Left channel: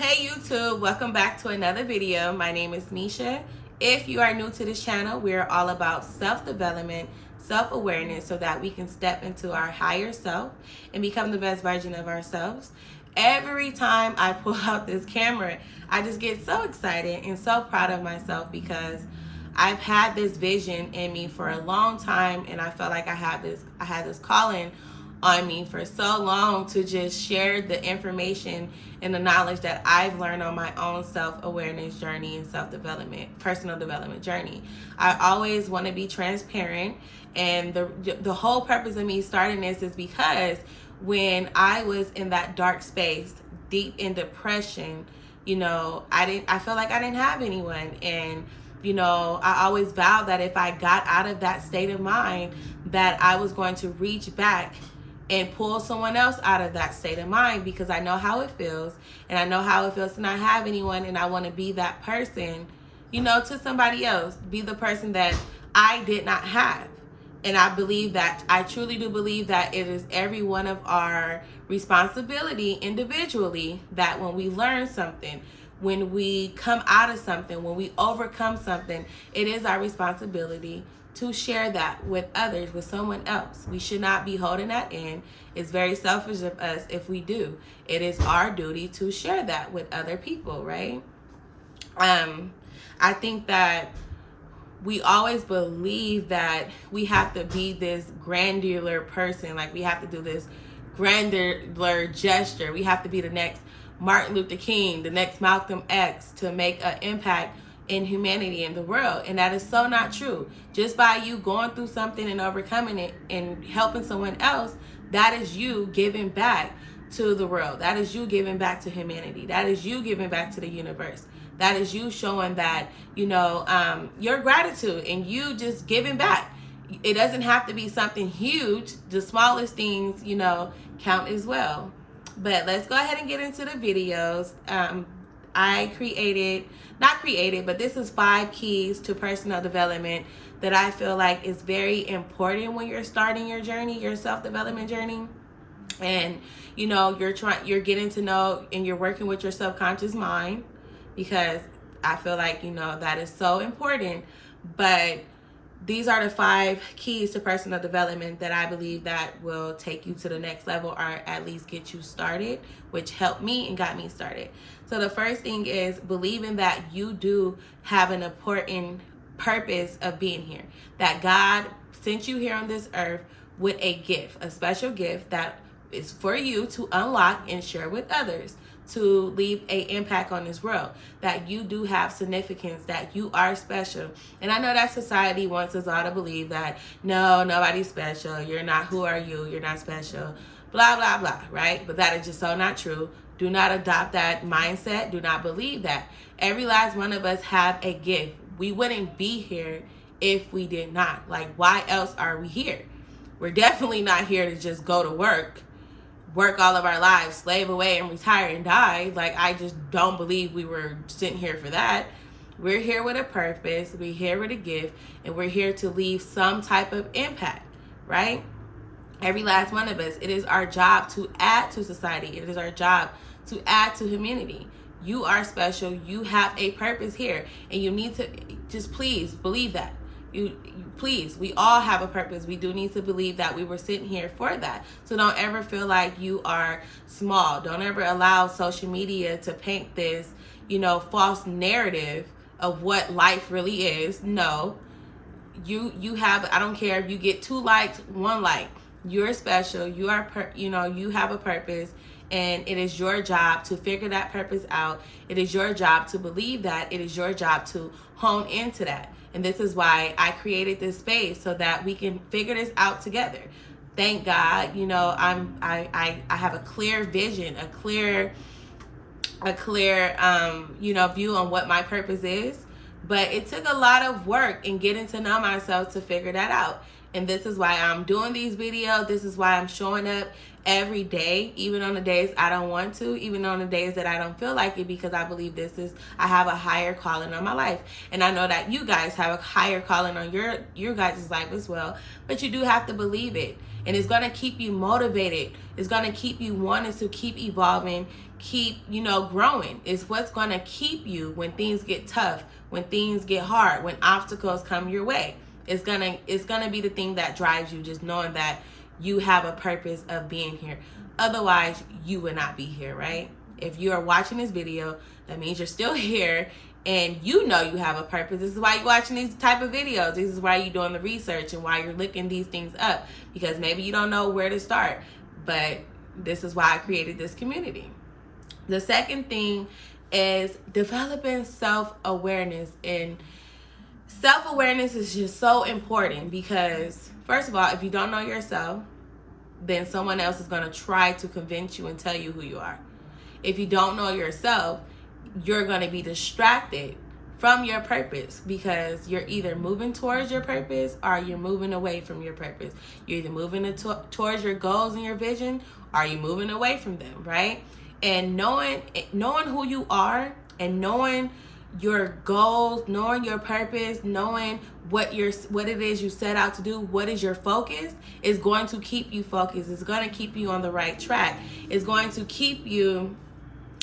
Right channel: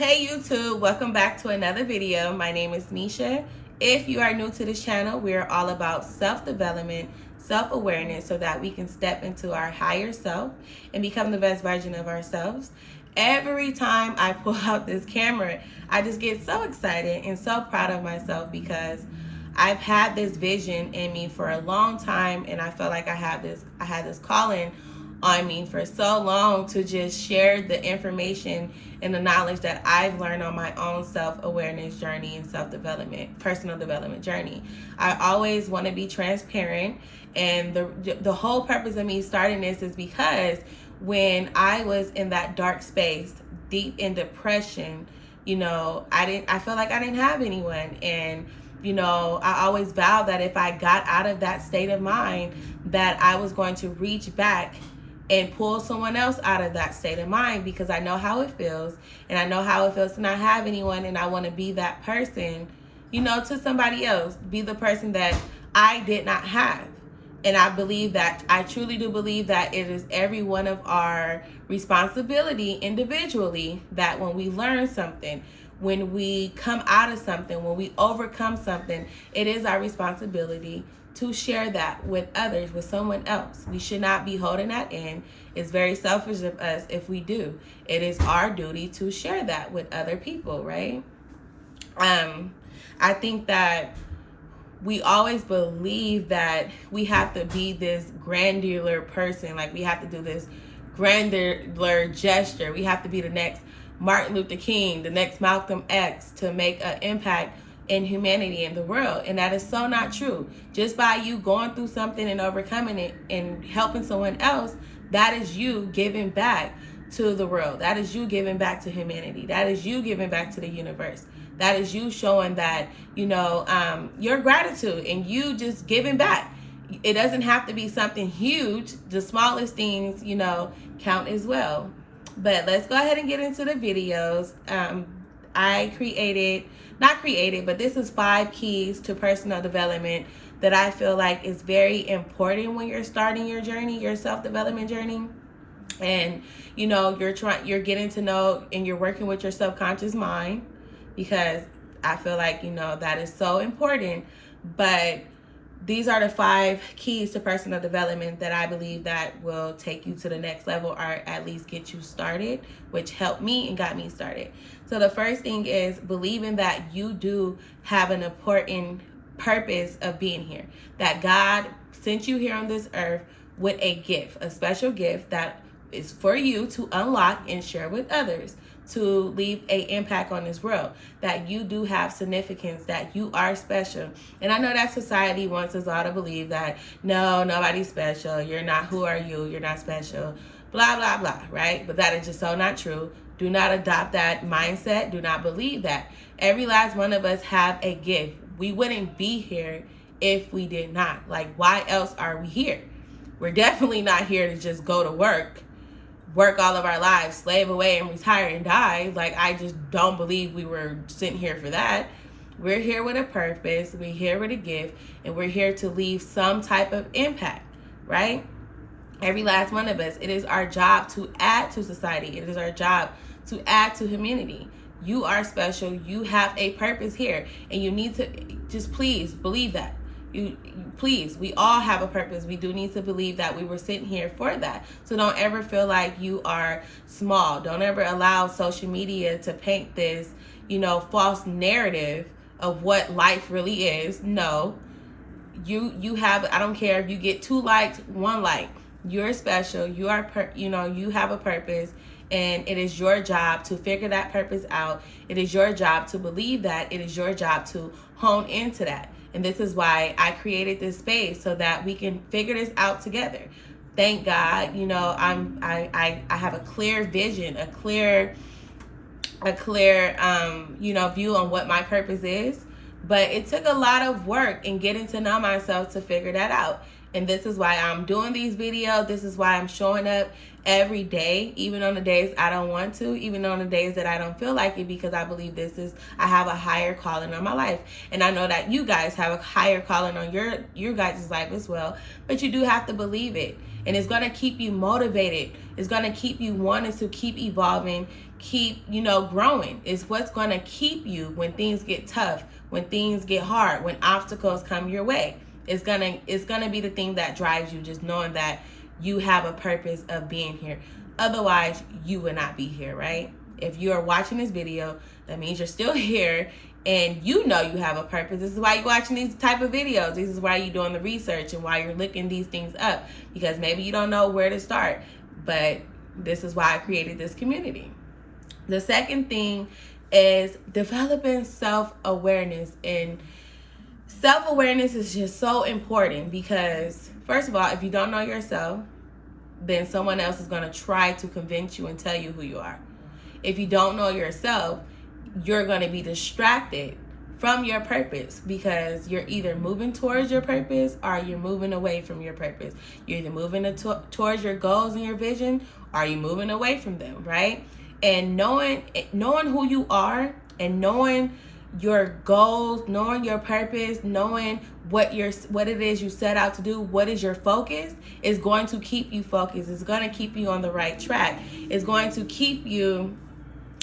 Hey YouTube, welcome back to another video. My name is Misha. If you are new to this channel, we are all about self-development, self-awareness so that we can step into our higher self and become the best version of ourselves. Every time I pull out this camera, I just get so excited and so proud of myself because I've had this vision in me for a long time, and I felt like I had this calling on me for so long to just share the information and the knowledge that I've learned on my own self-awareness journey and self-development, personal development journey. I always want to be transparent, and the whole purpose of me starting this is because when I was in that dark space, deep in depression, I felt like I didn't have anyone. And I always vowed that if I got out of that state of mind, that I was going to reach back and pull someone else out of that state of mind, because I know how it feels, and I know how it feels to not have anyone, and I want to be that person, to somebody else, be the person that I did not have. And I truly do believe that it is every one of our responsibility individually that when we learn something, when we come out of something, when we overcome something, it is our responsibility to share that with others, with someone else. We should not be holding that in. It's very selfish of us if we do. It is our duty to share that with other people, right? I think that we always believe that we have to be this granular person, like we have to do this granular gesture. We have to be the next Martin Luther King, the next Malcolm X to make an impact in humanity in the world. And that is so not true. Just by you going through something and overcoming it and helping someone else, that is you giving back to the world. That is you giving back to humanity. That is you giving back to the universe. That is you showing that, your gratitude and you just giving back. It doesn't have to be something huge. The smallest things, count as well. But let's go ahead and get into the videos. But this is 5 keys to personal development that I feel like is very important when you're starting your journey, your self-development journey. And, you're getting to know and you're working with your subconscious mind, because I feel like, that is so important. But these are the 5 keys to personal development that I believe that will take you to the next level, or at least get you started, which helped me and got me started. So the first thing is believing that you do have an important purpose of being here, that God sent you here on this earth with a gift, a special gift that is for you to unlock and share with others, to leave an impact on this world, that you do have significance, that you are special. And I know that society wants us all to believe that, no, nobody's special, you're not, who are you, you're not special, blah, blah, blah, right? But that is just so not true. Do not adopt that mindset. Do not believe that. Every last one of us have a gift. We wouldn't be here if we did not. Like, why else are we here? We're definitely not here to just go to work all of our lives, slave away and retire and die. Like, I just don't believe we were sitting here for that. We're here with a purpose. We're here with a gift, and we're here to leave some type of impact, right? Every last one of us, it is our job to add to society. It is our job to add to humanity. You are special. You have a purpose here, and you need to just please believe that. Please, we all have a purpose. We do need to believe that we were sitting here for that. So don't ever feel like you are small. Don't ever allow social media to paint this, false narrative of what life really is. No, you have, I don't care if you get 2 likes, 1 like, you're special. You are, you have a purpose, and it is your job to figure that purpose out. It is your job to believe that. It is your job to hone into that. And this is why I created this space, so that we can figure this out together. Thank God, I have a clear vision, a clear view on what my purpose is. But it took a lot of work and getting to know myself to figure that out. And this is why I'm doing these videos. This is why I'm showing up every day, even on the days I don't want to, even on the days that I don't feel like it, because I believe I have a higher calling on my life. And I know that you guys have a higher calling on your guys' life as well, but you do have to believe it. And it's going to keep you motivated. It's going to keep you wanting to keep evolving, keep, growing. It's what's going to keep you when things get tough, when things get hard, when obstacles come your way. It's gonna be the thing that drives you, just knowing that you have a purpose of being here. Otherwise, you would not be here, right? If you are watching this video, that means you're still here and you know you have a purpose. This is why you're watching these type of videos. This is why you're doing the research and why you're looking these things up, because maybe you don't know where to start. But this is why I created this community. The second thing is developing self-awareness. And self-awareness is just so important because, first of all, if you don't know yourself, then someone else is going to try to convince you and tell you who you are. If you don't know yourself, you're going to be distracted from your purpose, because you're either moving towards your purpose or you're moving away from your purpose. You're either moving towards your goals and your vision, or you're moving away from them, right? And knowing who you are and knowing your goals, knowing your purpose, knowing what it is you set out to do, what is your focus, is going to keep you focused. It's going to keep you on the right track. It's going to keep you,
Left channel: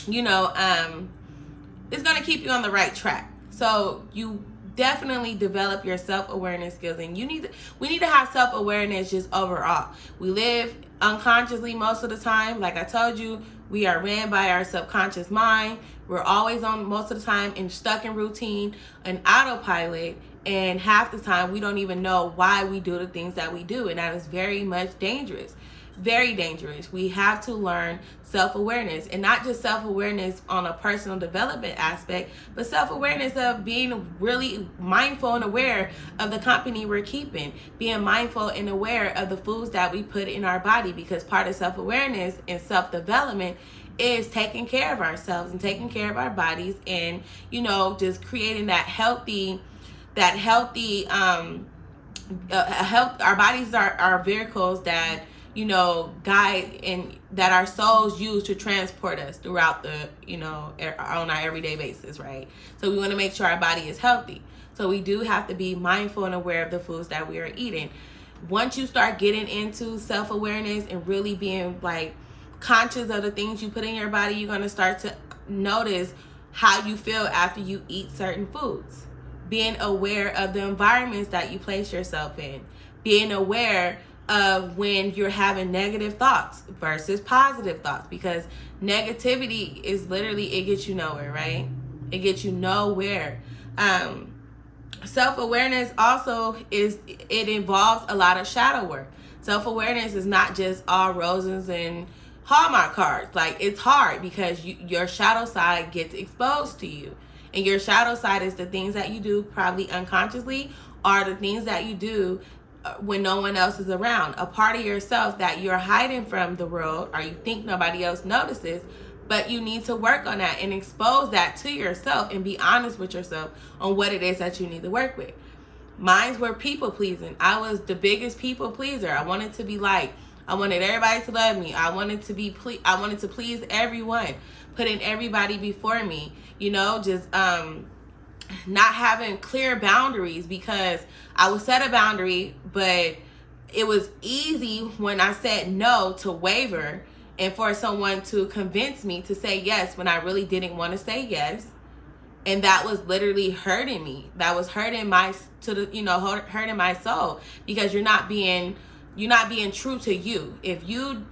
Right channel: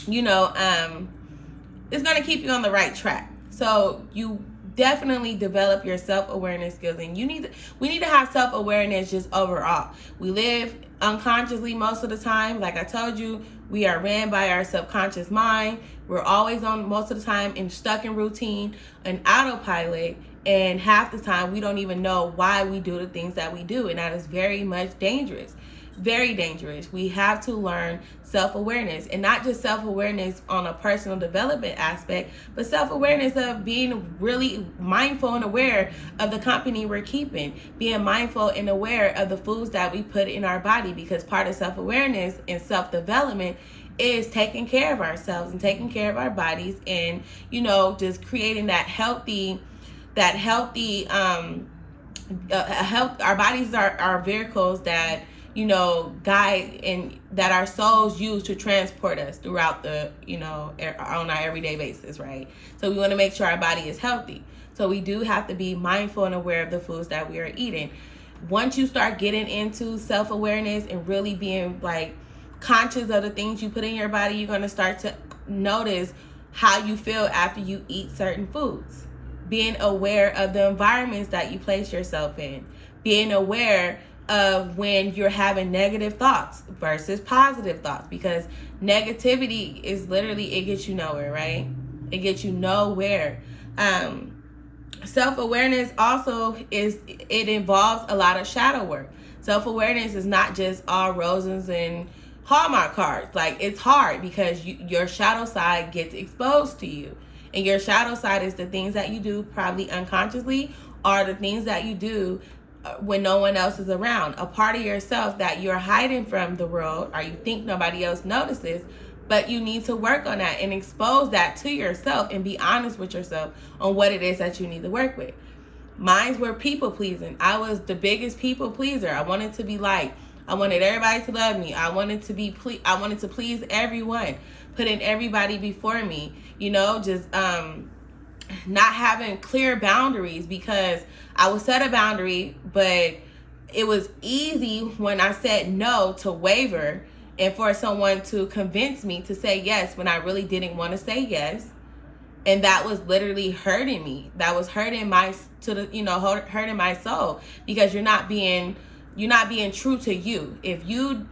it's going to keep you on the right track. So you definitely develop your self-awareness skills, and we need to have self-awareness just overall. We live unconsciously most of the time. Like I told you, we are ran by our subconscious mind. We're always on, most of the time, and stuck in routine and autopilot. And half the time, we don't even know why we do the things that we do. And that is very much dangerous. Very dangerous. We have to learn self-awareness, and not just self-awareness on a personal development aspect, but self-awareness of being really mindful and aware of the company we're keeping, being mindful and aware of the foods that we put in our body, because part of self-awareness and self-development is taking care of ourselves and taking care of our bodies, and just creating that healthy health. Our bodies are our vehicles that guide, and that our souls use to transport us throughout the on our everyday basis, right? So we want to make sure our body is healthy. So we do have to be mindful and aware of the foods that we are eating. Once you start getting into self-awareness and really being conscious of the things you put in your body, you're going to start to notice how you feel after you eat certain foods. Being aware of the environments that you place yourself in. Being aware of when you're having negative thoughts versus positive thoughts, because negativity is literally, it gets you nowhere, right? It gets you nowhere. Self-awareness also it involves a lot of shadow work. Self-awareness is not just all roses and Hallmark cards. It's hard because your shadow side gets exposed to you. And your shadow side is the things that you do probably unconsciously, or the things that you do when no one else is around. A part of yourself that you're hiding from the world, or you think nobody else notices, but you need to work on that and expose that to yourself and be honest with yourself on what it is that you need to work with. Mine were people pleasing. I was the biggest people pleaser. I wanted to be liked. I wanted everybody to love me. I wanted to I wanted to please everyone, putting everybody before me. Just not having clear boundaries, because I would set a boundary, but it was easy when I said no to waver, and for someone to convince me to say yes when I really didn't want to say yes. And that was literally hurting me. That was hurting hurting my soul, because you're not being true to you. If you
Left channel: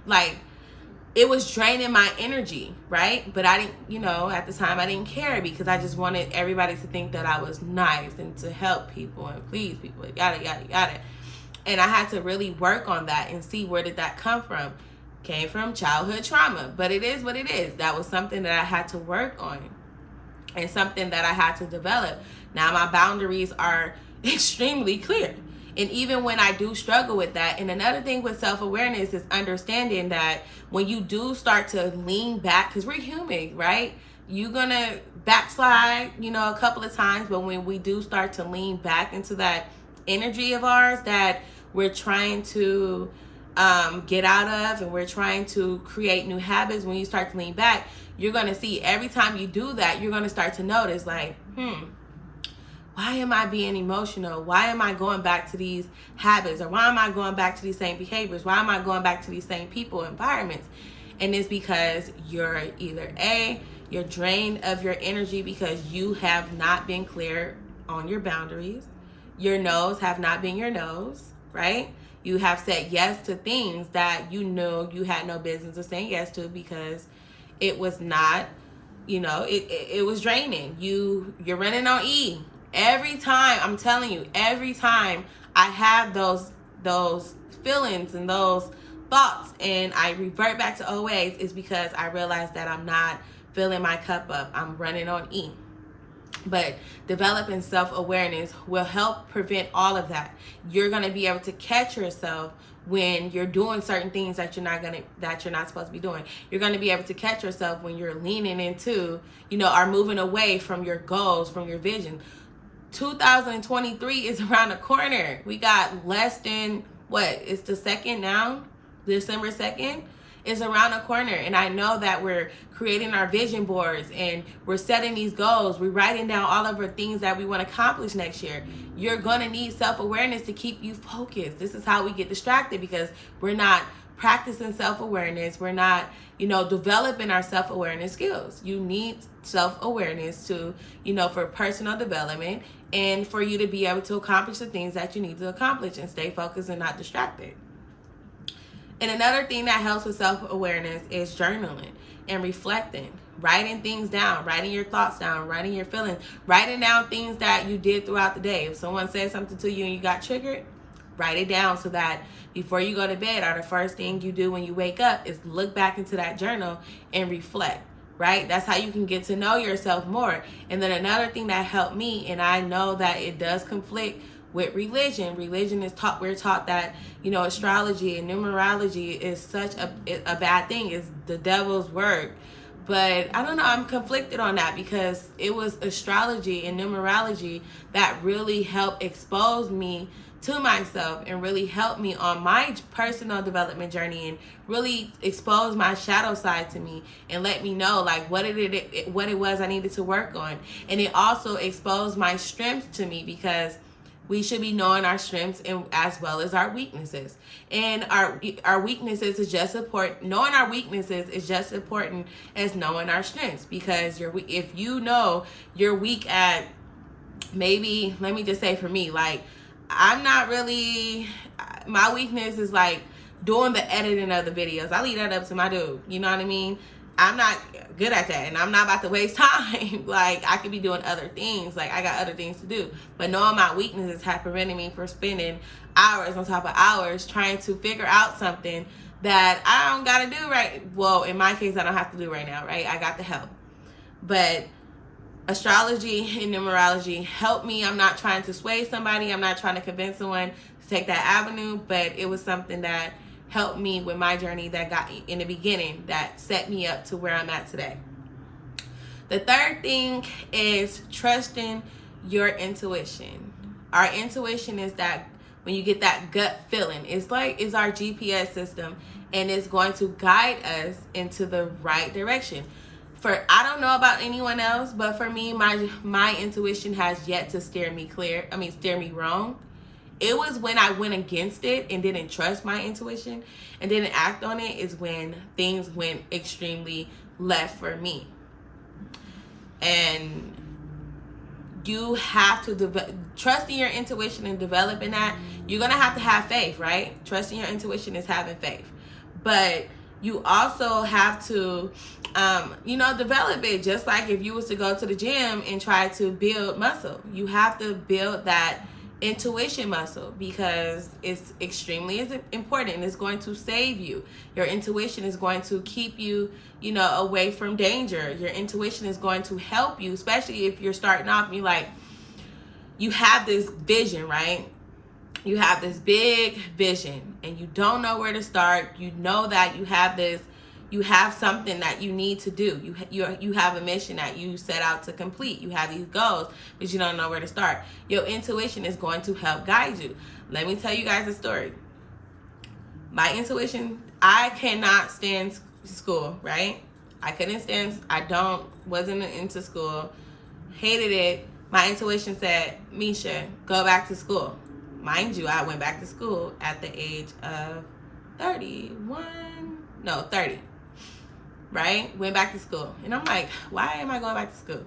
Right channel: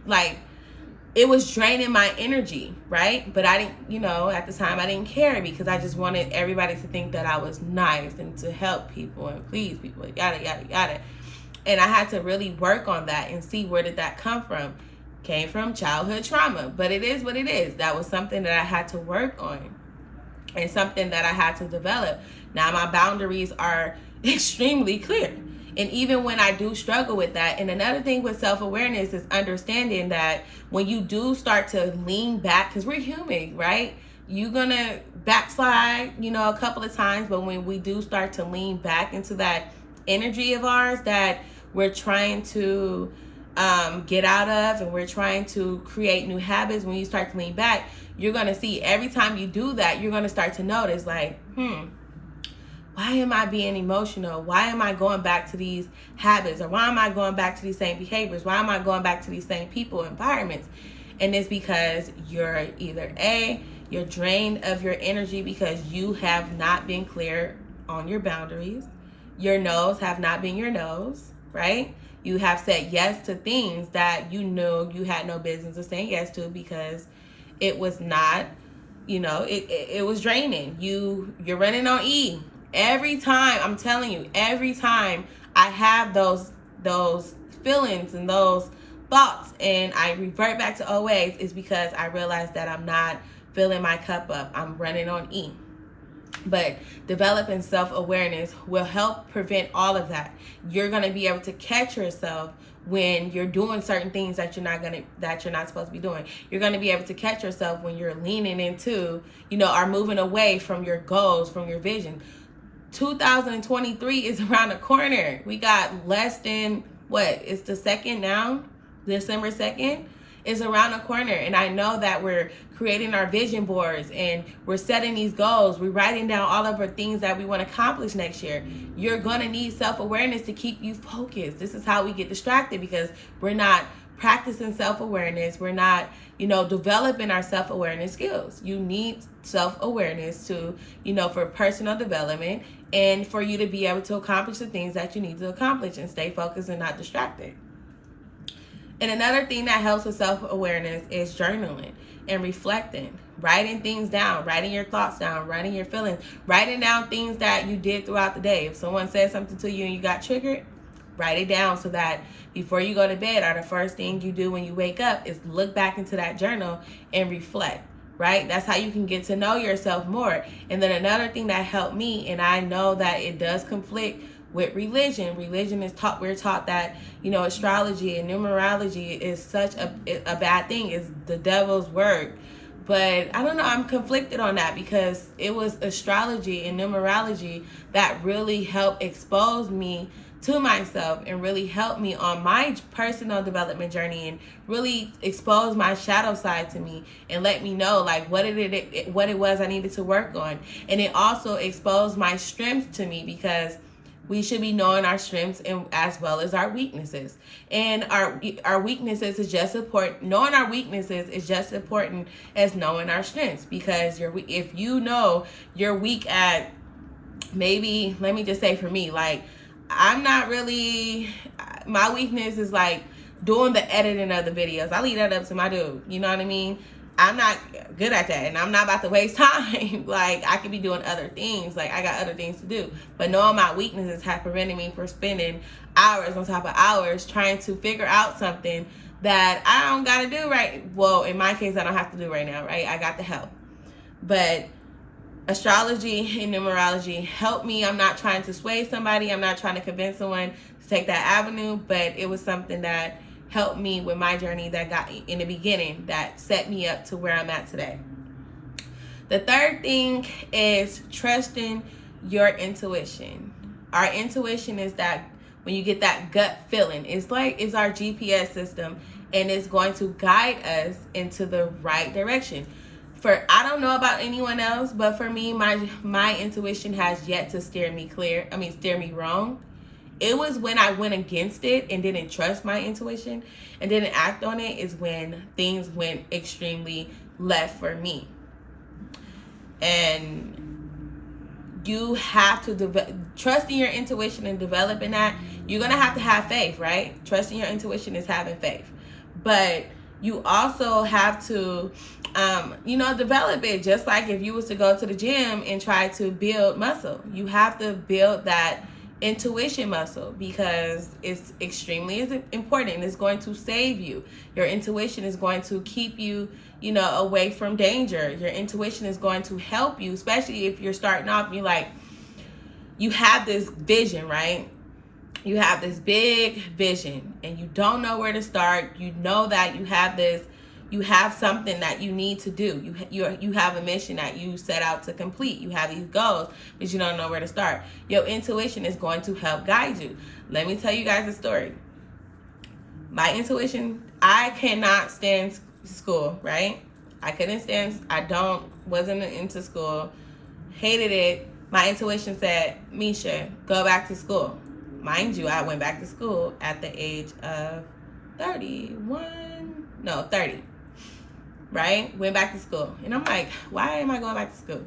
it was draining my energy, right? But I didn't, at the time I didn't care, because I just wanted everybody to think that I was nice and to help people and please people, yada, yada, yada. And I had to really work on that and see, where did that come from? Came from childhood trauma, but it is what it is. That was something that I had to work on and something that I had to develop. Now my boundaries are extremely clear. And even when I do struggle with that, and another thing with self-awareness is understanding that when you do start to lean back, because we're human, right? You're going to backslide, a couple of times, but when we do start to lean back into that energy of ours that we're trying to get out of, and we're trying to create new habits, when you start to lean back, you're going to see every time you do that, you're going to start to notice why am I being emotional? Why am I going back to these habits? Or why am I going back to these same behaviors? Why am I going back to these same people, environments? And it's because you're either you're drained of your energy because you have not been clear on your boundaries. Your no's have not been your no's, right? You have said yes to things that you knew you had no business of saying yes to because it was not, it was draining. You're running on E. Every time, I'm telling you, every time I have those feelings and those thoughts and I revert back to OAs, is because I realize that I'm not filling my cup up. I'm running on E. But developing self-awareness will help prevent all of that. You're going to be able to catch yourself when you're doing certain things that you're not supposed to be doing. You're going to be able to catch yourself when you're leaning into, or moving away from your goals, from your vision. 2023 is around the corner. We got less than it's the 2nd now, December 2nd is around the corner. And I know that we're creating our vision boards and we're setting these goals. We're writing down all of our things that we want to accomplish next year. You're going to need self-awareness to keep you focused. This is how we get distracted, because we're not practicing self-awareness. We're not, developing our self-awareness skills. You need self-awareness to, for personal development and for you to be able to accomplish the things that you need to accomplish and stay focused and not distracted. And another thing that helps with self-awareness is journaling and reflecting, writing things down, writing your thoughts down, writing your feelings, writing down things that you did throughout the day. If someone said something to you and you got triggered, write it down so that before you go to bed, or the first thing you do when you wake up is look back into that journal and reflect, right? That's how you can get to know yourself more. And then another thing that helped me, and I know that it does conflict with religion. Religion is we're taught that, astrology and numerology is such a bad thing. It's the devil's work. But I don't know, I'm conflicted on that, because it was astrology and numerology that really helped expose me to myself and really helped me on my personal development journey and really expose my shadow side to me and let me know what it was I needed to work on. And it also exposed my strengths to me, because we should be knowing our strengths and as well as our weaknesses. And our weaknesses is just important. Knowing our weaknesses is just important as knowing our strengths, because if you know you're weak at, maybe, let me just say for me, I'm not really, my weakness is doing the editing of the videos. I leave that up to my dude. You know what I mean? I'm not good at that, and I'm not about to waste time. I could be doing other things. I got other things to do. But knowing my weaknesses have prevented me from spending hours on top of hours trying to figure out something that I don't got to do right. Well, in my case, I don't have to do right now, right? I got the help. But astrology and numerology helped me. I'm not trying to sway somebody. I'm not trying to convince someone to take that avenue, but it was something that helped me with my journey that got in the beginning, that set me up to where I'm at today. The third thing is trusting your intuition. Our intuition is that when you get that gut feeling, it's our GPS system, and it's going to guide us into the right direction. I don't know about anyone else, but for me, my intuition has yet to steer me wrong. It was when I went against it and didn't trust my intuition and didn't act on it, is when things went extremely left for me. And you have to trust in your intuition and developing that. You're going to have faith, right? Trusting your intuition is having faith. But you also have to, develop it. Just like if you was to go to the gym and try to build muscle, you have to build that intuition muscle, because it's extremely important. It's going to save you. Your intuition is going to keep you, away from danger. Your intuition is going to help you, especially if you're starting off and you have this vision, right? You have this big vision and you don't know where to start. You know that you have something that you need to do. You have a mission that you set out to complete. You have these goals, but you don't know where to start. Your intuition is going to help guide you. Let me tell you guys a story. My intuition, I cannot stand school, right? Wasn't into school, hated it. My intuition said, Misha, go back to school. Mind you, I went back to school at the age of 30. right? Went back to school. And I'm like, why am I going back to school?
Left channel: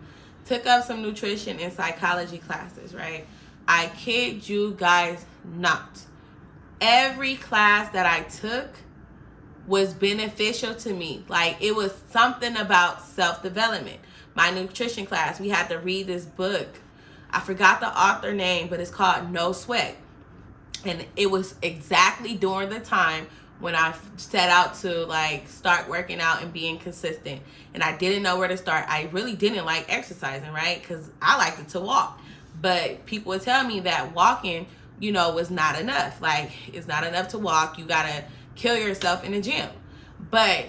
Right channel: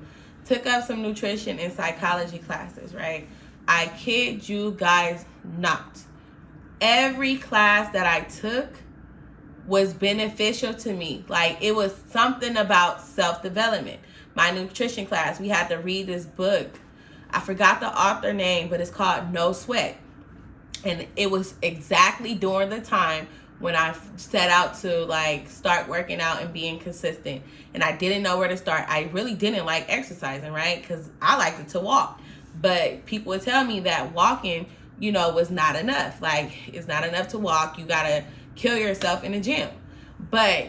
Took up some nutrition and psychology classes, right? I kid you guys not. Every class that I took was beneficial to me. Like, it was something about self-development. My nutrition class, we had to read this book. I forgot the author name, but it's called No Sweat. And it was exactly during the time when I set out to like start working out and being consistent. And I didn't know where to start. I really didn't like exercising, right? Because I liked it to walk. But people would tell me that walking, you know, was not enough. Like, it's not enough to walk. You got to kill yourself in the gym. But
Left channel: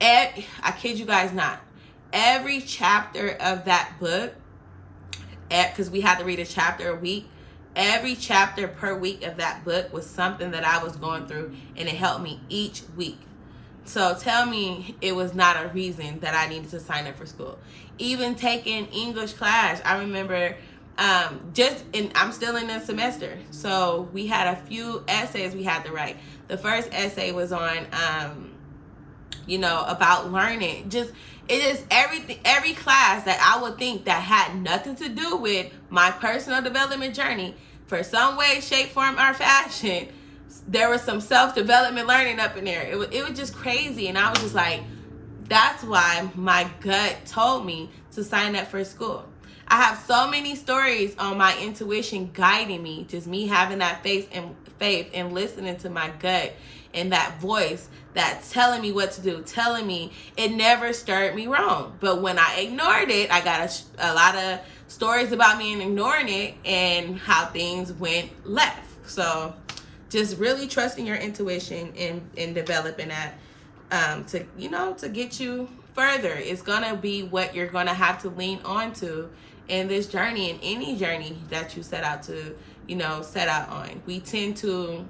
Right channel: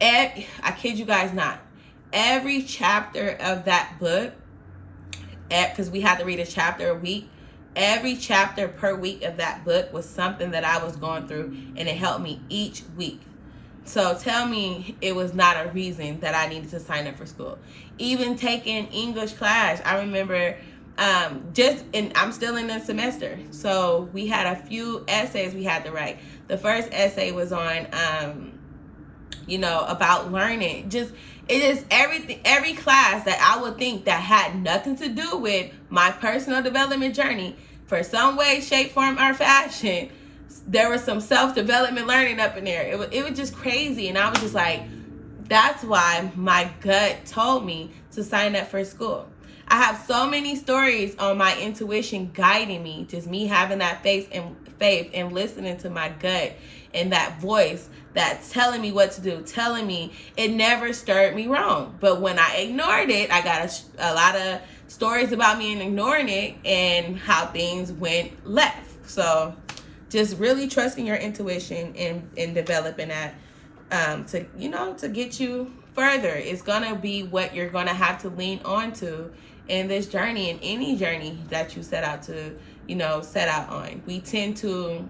I kid you guys not, every chapter of that book, because we had to read a chapter a week, every chapter per week of that book was something that I was going through, and it helped me each week. So tell me it was not a reason that I needed to sign up for school. Even taking English class, I remember I'm still in the semester. So we had a few essays we had to write. The first essay was on, about learning. Every class that I would think that had nothing to do with my personal development journey, for some way, shape, form, or fashion, there was some self-development learning up in there. It was just crazy. And I was just like, that's why my gut told me to sign up for school. I have so many stories on my intuition guiding me, just me having that faith and listening to my gut and that voice that's telling me what to do, telling me. It never stirred me wrong. But when I ignored it, I got a lot of stories about me and ignoring it and how things went left. So just really trusting your intuition and developing that to get you further. It's gonna be what you're gonna have to lean on to in this journey, in any journey that you set out on. We tend to,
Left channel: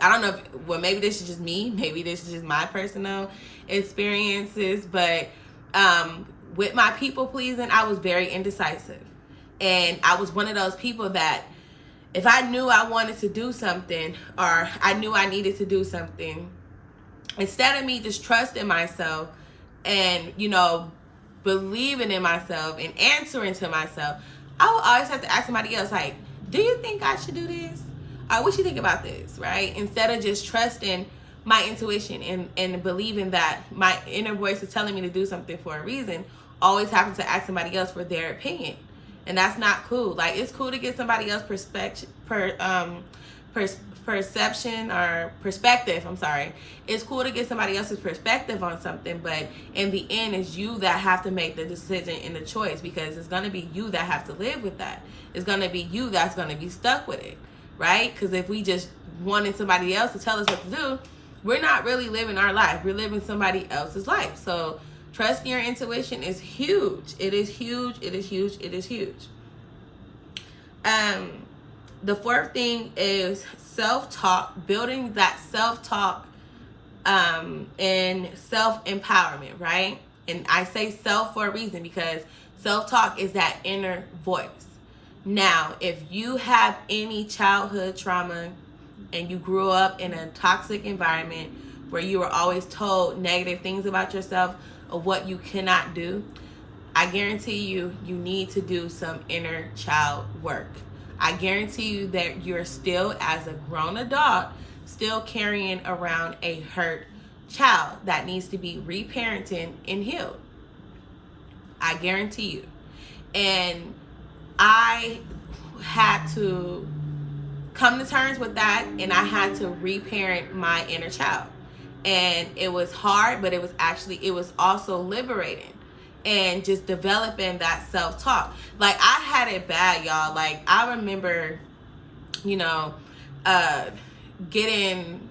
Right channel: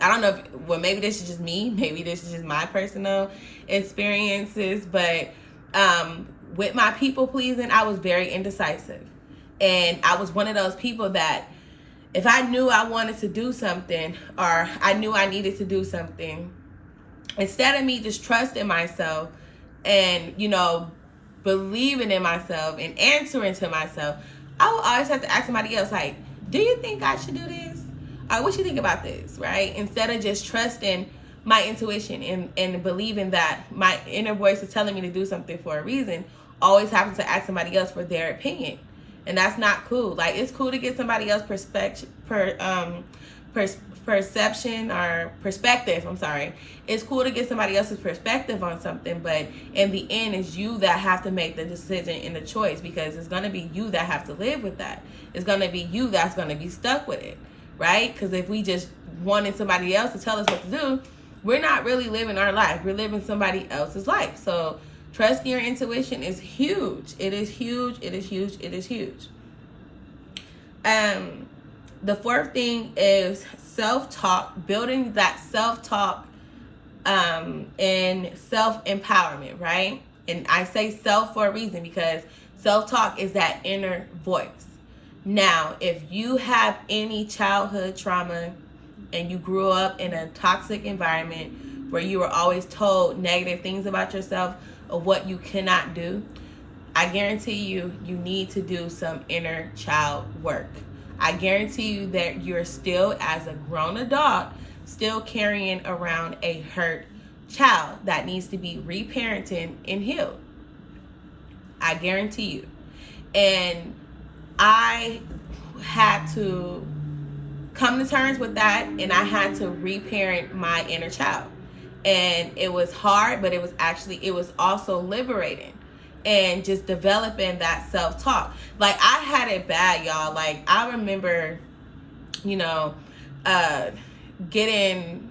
I don't know maybe this is just me, maybe this is just my personal experiences, but with my people pleasing, I was very indecisive. And I was one of those people that if I knew I wanted to do something, or I knew I needed to do something, instead of me just trusting myself and, believing in myself and answering to myself, I would always have to ask somebody else, like, do you think I should do this? Or what you think about this, right? Instead of just trusting my intuition and believing that my inner voice is telling me to do something for a reason, always having to ask somebody else for their opinion. And that's not cool. Like, it's cool to get somebody else's perception, It's cool to get somebody else's perspective on something, but in the end, it's you that have to make the decision and the choice, because it's going to be you that have to live with that. It's going to be you that's going to be stuck with it, right? Because if we just wanted somebody else to tell us what to do, we're not really living our life. We're living somebody else's life. So trusting your intuition is huge. It is huge. It is huge. It is huge. The fourth thing is self-talk, building that self-talk and self-empowerment, right? And I say self for a reason, because self-talk is that inner voice. Now, if you have any childhood trauma and you grew up in a toxic environment where you were always told negative things about yourself or what you cannot do, I guarantee you need to do some inner child work. I guarantee you that you're still, as a grown adult, still carrying around a hurt child that needs to be reparented and healed. I guarantee you. And I had to come to terms with that, and I had to reparent my inner child. And it was hard, but it was also liberating. And just developing that self-talk. Like, I had it bad, y'all. Like, I remember, getting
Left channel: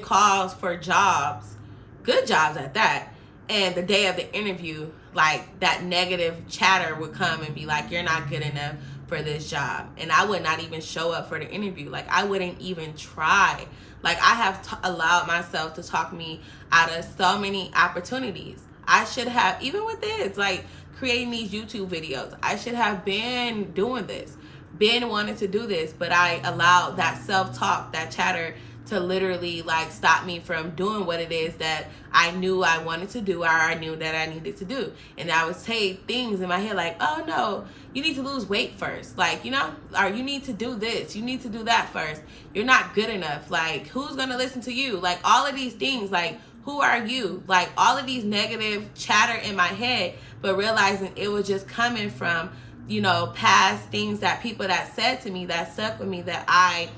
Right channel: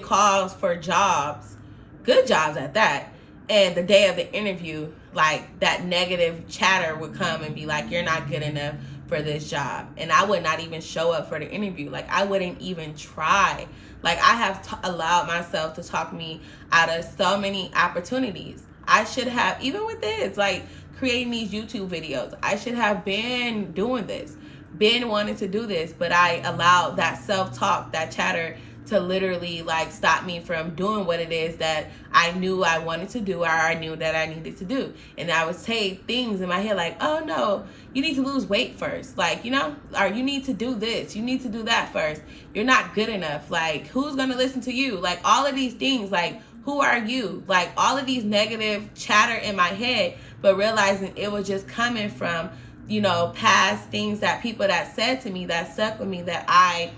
calls for jobs, good jobs at that. And the day of the interview, like, that negative chatter would come and be like, you're not good enough for this job. And I would not even show up for the interview. Like, I wouldn't even try. Like, I have allowed myself to talk me out of so many opportunities. I should have, even with this, like creating these YouTube videos, I should have been doing this, been wanting to do this, but I allowed that self-talk, that chatter to literally like stop me from doing what it is that I knew I wanted to do, or I knew that I needed to do. And I would say things in my head like, oh no, you need to lose weight first, like, you know, or you need to do this, you need to do that first, you're not good enough, like, who's gonna listen to you, like, all of these things, like, who are you, like, all of these negative chatter in my head, but realizing it was just coming from, you know, past things that people that said to me, that stuck with me, that I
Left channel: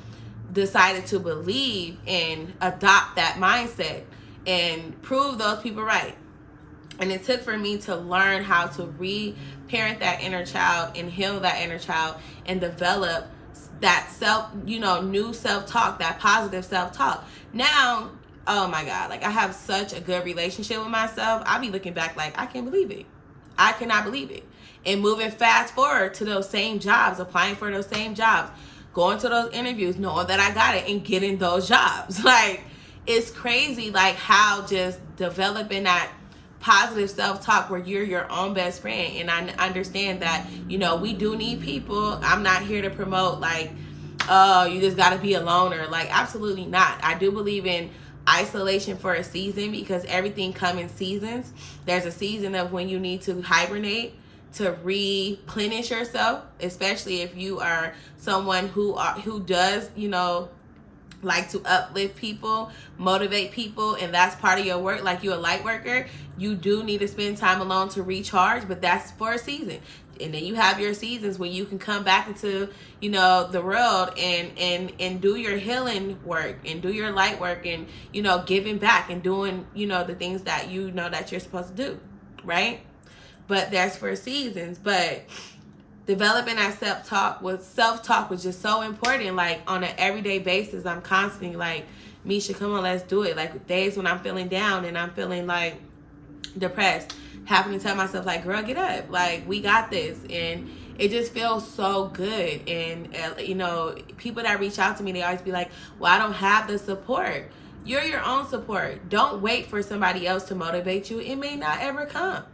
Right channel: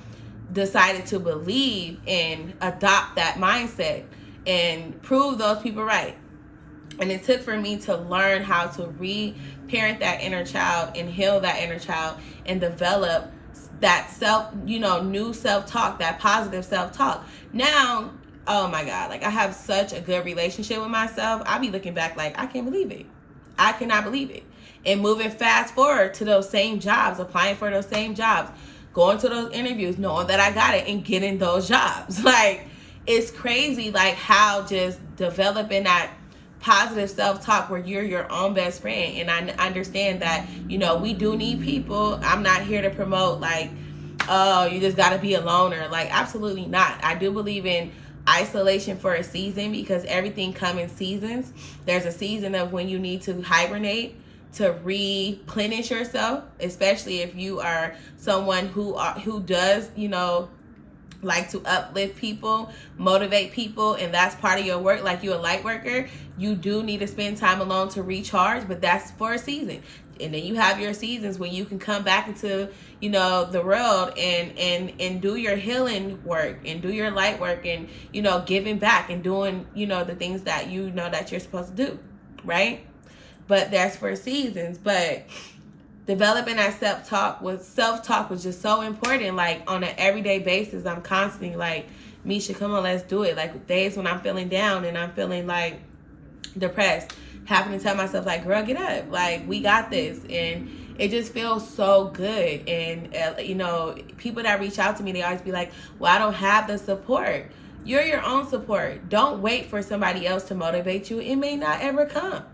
decided to believe and adopt that mindset and prove those people right. And it took for me to learn how to re-parent that inner child and heal that inner child and develop that self, you know, new self-talk, that positive self-talk. Now, oh my God, like I have such a good relationship with myself. I'll be looking back like, I can't believe it. I cannot believe it. And moving fast forward to those same jobs, applying for those same jobs, going to those interviews, knowing that I got it and getting those jobs. Like, it's crazy, like how just developing that positive self-talk where you're your own best friend. And I understand that, you know, we do need people. I'm not here to promote like, oh, you just got to be a loner. Like, absolutely not. I do believe in isolation for a season, because everything comes in seasons. There's a season of when you need to hibernate to replenish yourself, especially if you are someone who does, you know, like to uplift people, motivate people, and that's part of your work. Like, you're a light worker, you do need to spend time alone to recharge, but that's for a season. And then you have your seasons when you can come back into, you know, the world and do your healing work and do your light work and, you know, giving back and doing, you know, the things that you know that you're supposed to do, right? But that's for seasons. But developing that self-talk was just so important. Like, on an everyday basis, I'm constantly like, Misha, come on, let's do it. Like, days when I'm feeling down and I'm feeling like depressed, having to tell myself like, girl, get up, like, we got this. And it just feels so good. And you know, people that reach out to me, they always be like, well, I don't have the support. You're your own support. Don't wait for somebody else to motivate you. It may not ever come.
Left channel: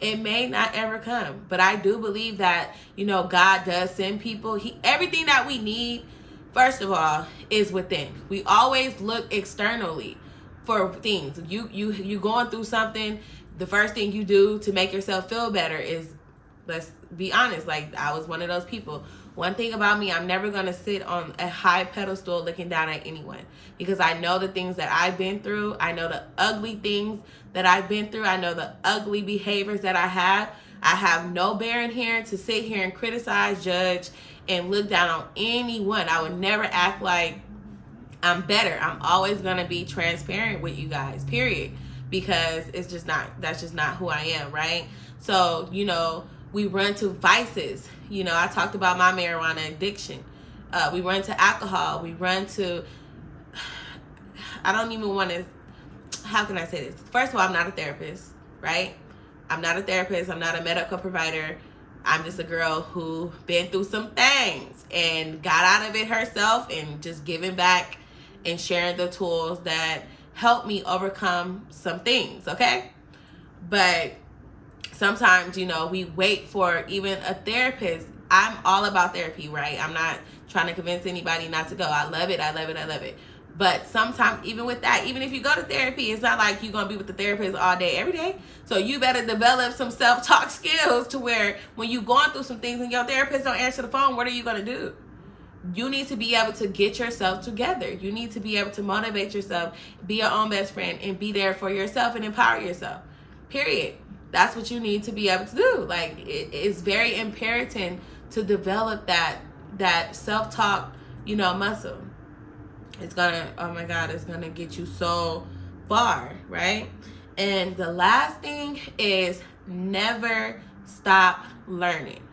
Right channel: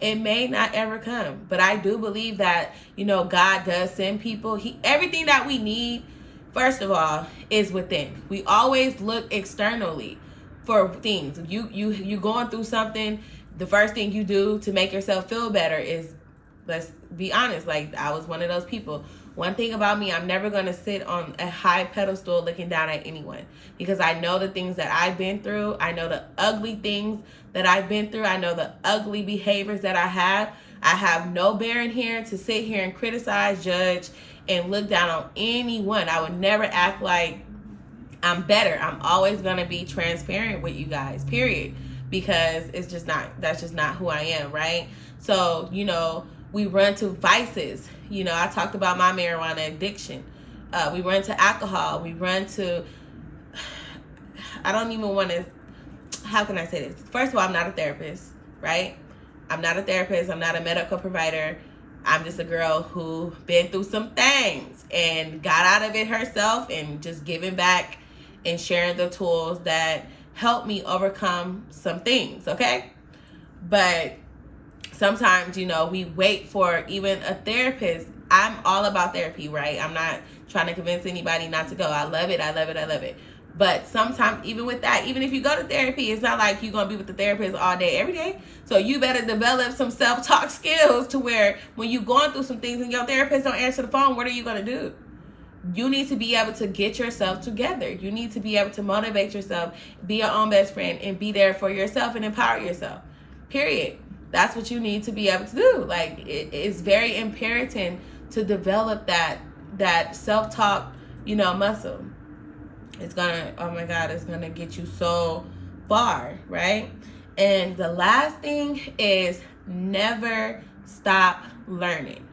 It may not ever come. But I do believe that, you know, God does send people. Everything that we need, first of all, is within. We always look externally for things. You going through something, the first thing you do to make yourself feel better is, let's be honest, like, I was one of those people. One thing about me, I'm never going to sit on a high pedestal looking down at anyone, because I know the things that I've been through. I know the ugly things that I've been through. I know the ugly behaviors that I have. I have no bearing here to sit here and criticize, judge, and look down on anyone. I would never act like I'm better. I'm always going to be transparent with you guys, period, because that's just not who I am, right? So, you know, we run to vices. You know, I talked about my marijuana addiction. We run to alcohol. We run to, I don't even want to, how can I say this? First of all, I'm not a therapist, right? I'm not a therapist. I'm not a medical provider. I'm just a girl who been through some things and got out of it herself, and just giving back and sharing the tools that help me overcome some things, okay? But sometimes, you know, we wait for even a therapist. I'm all about therapy, right? I'm not trying to convince anybody not to go. I love it. I love it. I love it. But sometimes, even with that, even if you go to therapy, it's not like you're going to be with the therapist all day, every day. So you better develop some self-talk skills to where when you're going through some things and your therapist don't answer the phone, what are you going to do? You need to be able to get yourself together. You need to be able to motivate yourself, be your own best friend, and be there for yourself and empower yourself. Period. That's what you need to be able to do. Like, it's very imperative to develop that self-talk, you know, muscle. It's gonna, oh my God, it's gonna get you so far, right? And the last thing is never stop learning.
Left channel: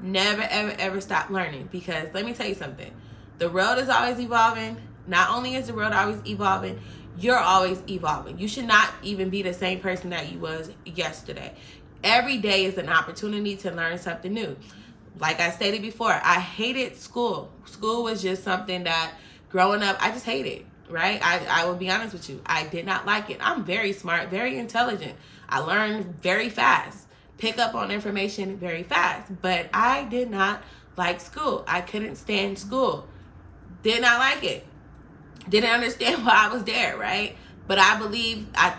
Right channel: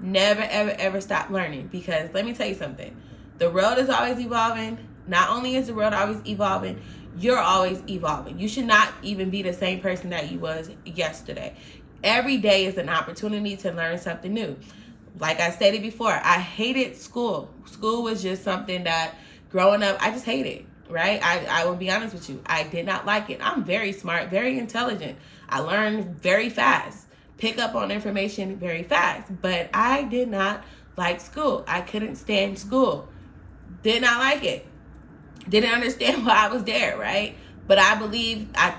Never, ever, ever stop learning. Because let me tell you something. The world is always evolving. Not only is the world always evolving, you're always evolving. You should not even be the same person that you was yesterday. Every day is an opportunity to learn something new. Like I stated before, I hated school. School was just something that growing up, I just hated, right? I will be honest with you. I did not like it. I'm very smart, very intelligent. I learned very fast, pick up on information very fast, but I did not like school. I couldn't stand school. Did not like it. Didn't understand why I was there, right? But I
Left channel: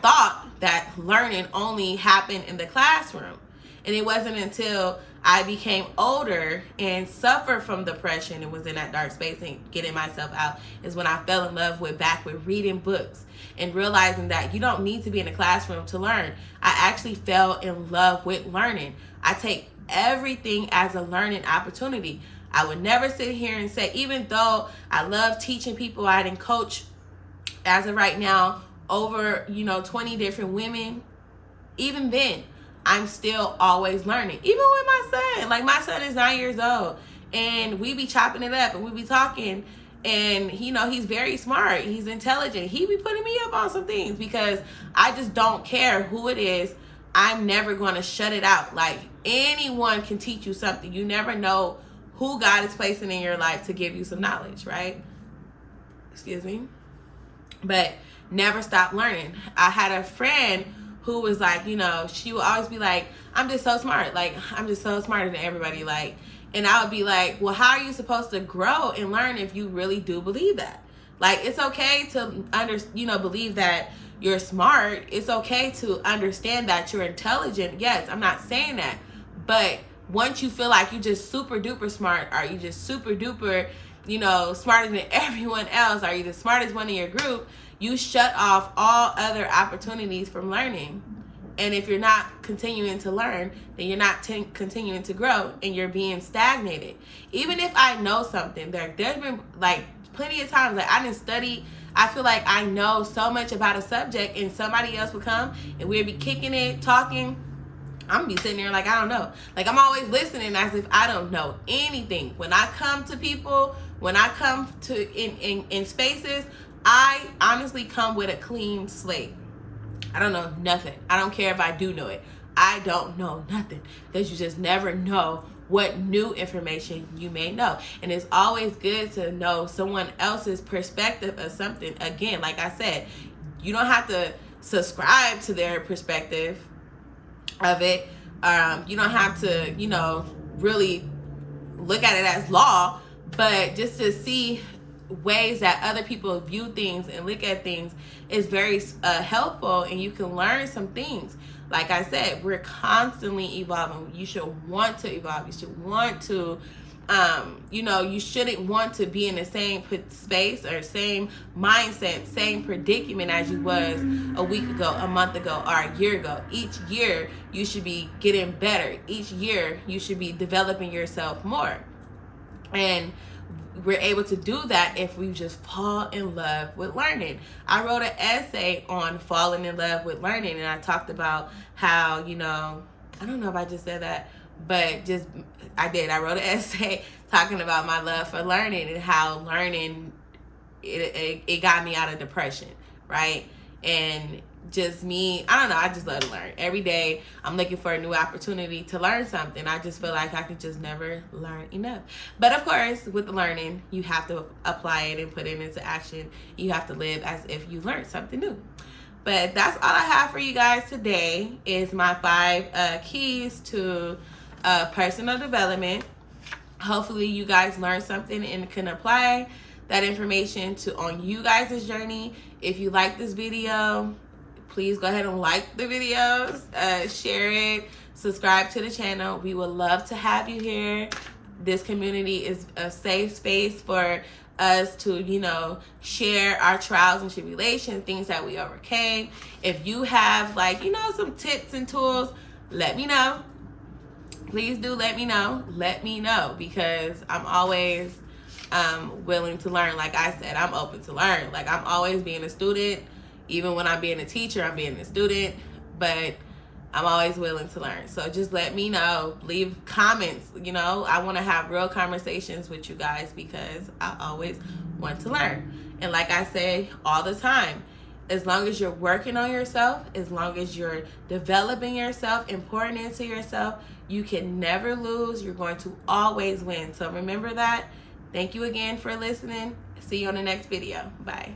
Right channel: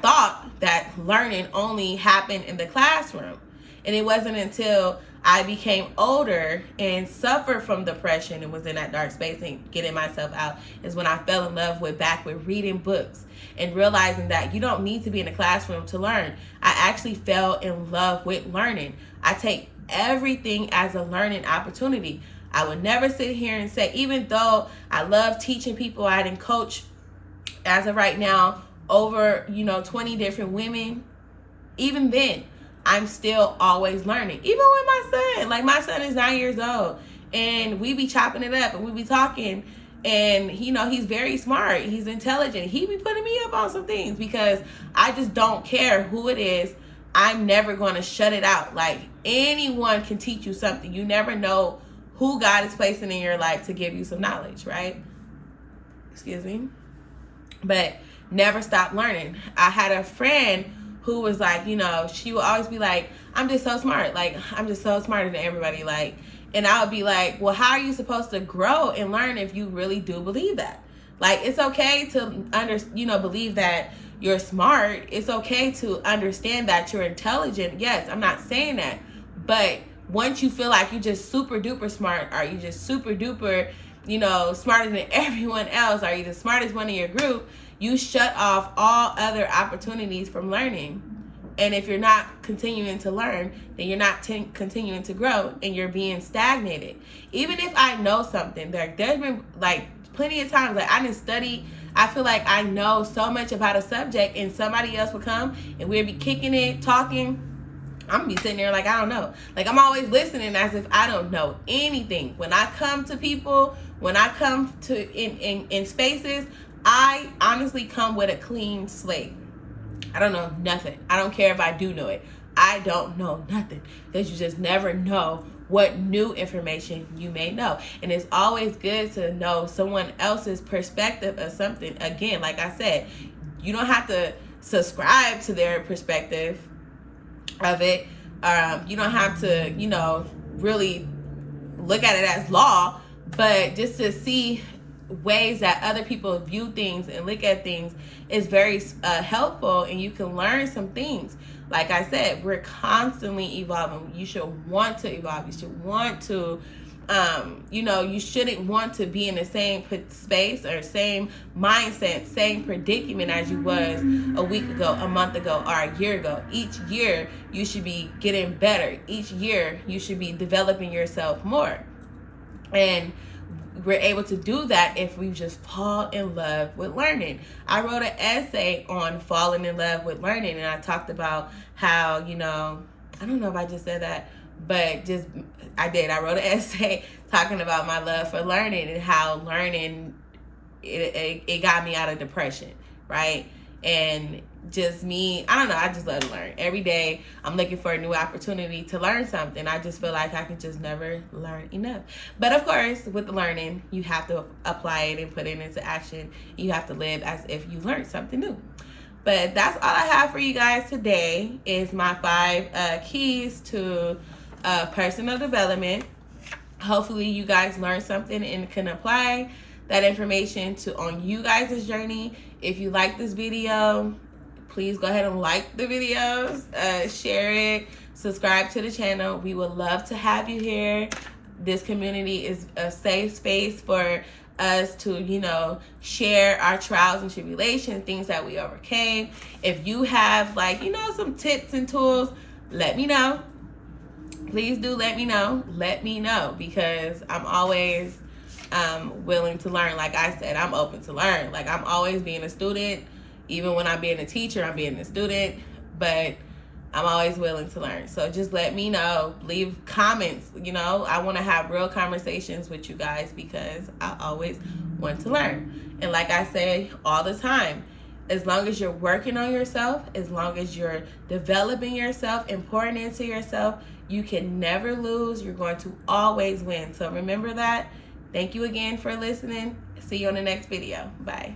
thought that learning only happened in the classroom. And it wasn't until I became older and suffered from depression and was in that dark space and getting myself out is when I fell in love with reading books and realizing that you don't need to be in a classroom to learn. I actually fell in love with learning. I take everything as a learning opportunity. I would never sit here and say, even though I love teaching people, I didn't coach as of right now over 20 different women. Even then, I'm still always learning. Even with my son, like my son is 9 years old, and we be chopping it up and we be talking. And he's very smart. He's intelligent. He be putting me up on some things because I just don't care who it is. I'm never going to shut it out. Like, anyone can teach you something. You never know who God is placing in your life to give you some knowledge, right? Excuse me. But never stop learning. I had a friend who was like, she would always be like, I'm just so smart. Like, I'm just so smarter than everybody. Like, and I would be like, well, how are you supposed to grow and learn if you really do believe that? Like, it's okay to believe that you're smart. It's okay to understand that you're intelligent. Yes, I'm not saying that. But once you feel like you're just super duper smart, or you just super duper, smarter than everyone else, or you the smartest one in your group, you shut off all other opportunities from learning. And if you're not continuing to learn, then you're not continuing to grow, and you're being stagnated. Even if I know something, there's been like plenty of times like I didn't study. I feel like I know so much about a subject, and somebody else would come and we'd be kicking it, talking. I'm gonna be sitting there like I don't know. Like, I'm always listening as if I don't know anything. When I come to people, when I come to in spaces, I honestly come with a clean slate. I don't know nothing. I don't care if I do know it. I don't know nothing, because you just never know what new information you may know. And it's always good to know someone else's perspective of something. Again, like I said, you don't have to subscribe to their perspective of it. You don't have to, really look at it as law, but just to see ways that other people view things and look at things is very helpful, and you can learn some things. Like I said, we're constantly evolving. You should want to evolve. You should want to, you shouldn't want to be in the same space or same mindset, same predicament as you was a week ago, a month ago, or a year ago. Each year, you should be getting better. Each year, you should be developing yourself more. And we're able to do that if we just fall in love with learning. I wrote an essay on falling in love with learning, and I talked about how, I don't know if I just said that, but I did. I wrote an essay talking about my love for learning and how learning, it got me out of depression, right? And just me, I don't know, I just love to learn. Every day I'm looking for a new opportunity to learn something. I just feel like I could just never learn enough. But of course, with the learning, you have to apply it and put it into action. You have to live as if you learned something new. But that's all I have for you guys today, is my 5 keys to personal development. Hopefully you guys learned something and can apply that information on you guys' journey. If you like this video, please go ahead and like the videos, share it, subscribe to the channel. We would love to have you here. This community is a safe space for us to, share our trials and tribulations, things that we overcame. If you have some tips and tools, let me know. Please do let me know. Let me know, because I'm always willing to learn. Like I said, I'm open to learn. Like, I'm always being a student. Even when I'm being a teacher, I'm being a student, but I'm always willing to learn. So just let me know. Leave comments. I want to have real conversations with you guys, because I always want to learn. And like I say all the time, as long as you're working on yourself, as long as you're developing yourself and pouring into yourself, you can never lose. You're going to always win. So remember that. Thank you again for listening. See you on the next video. Bye.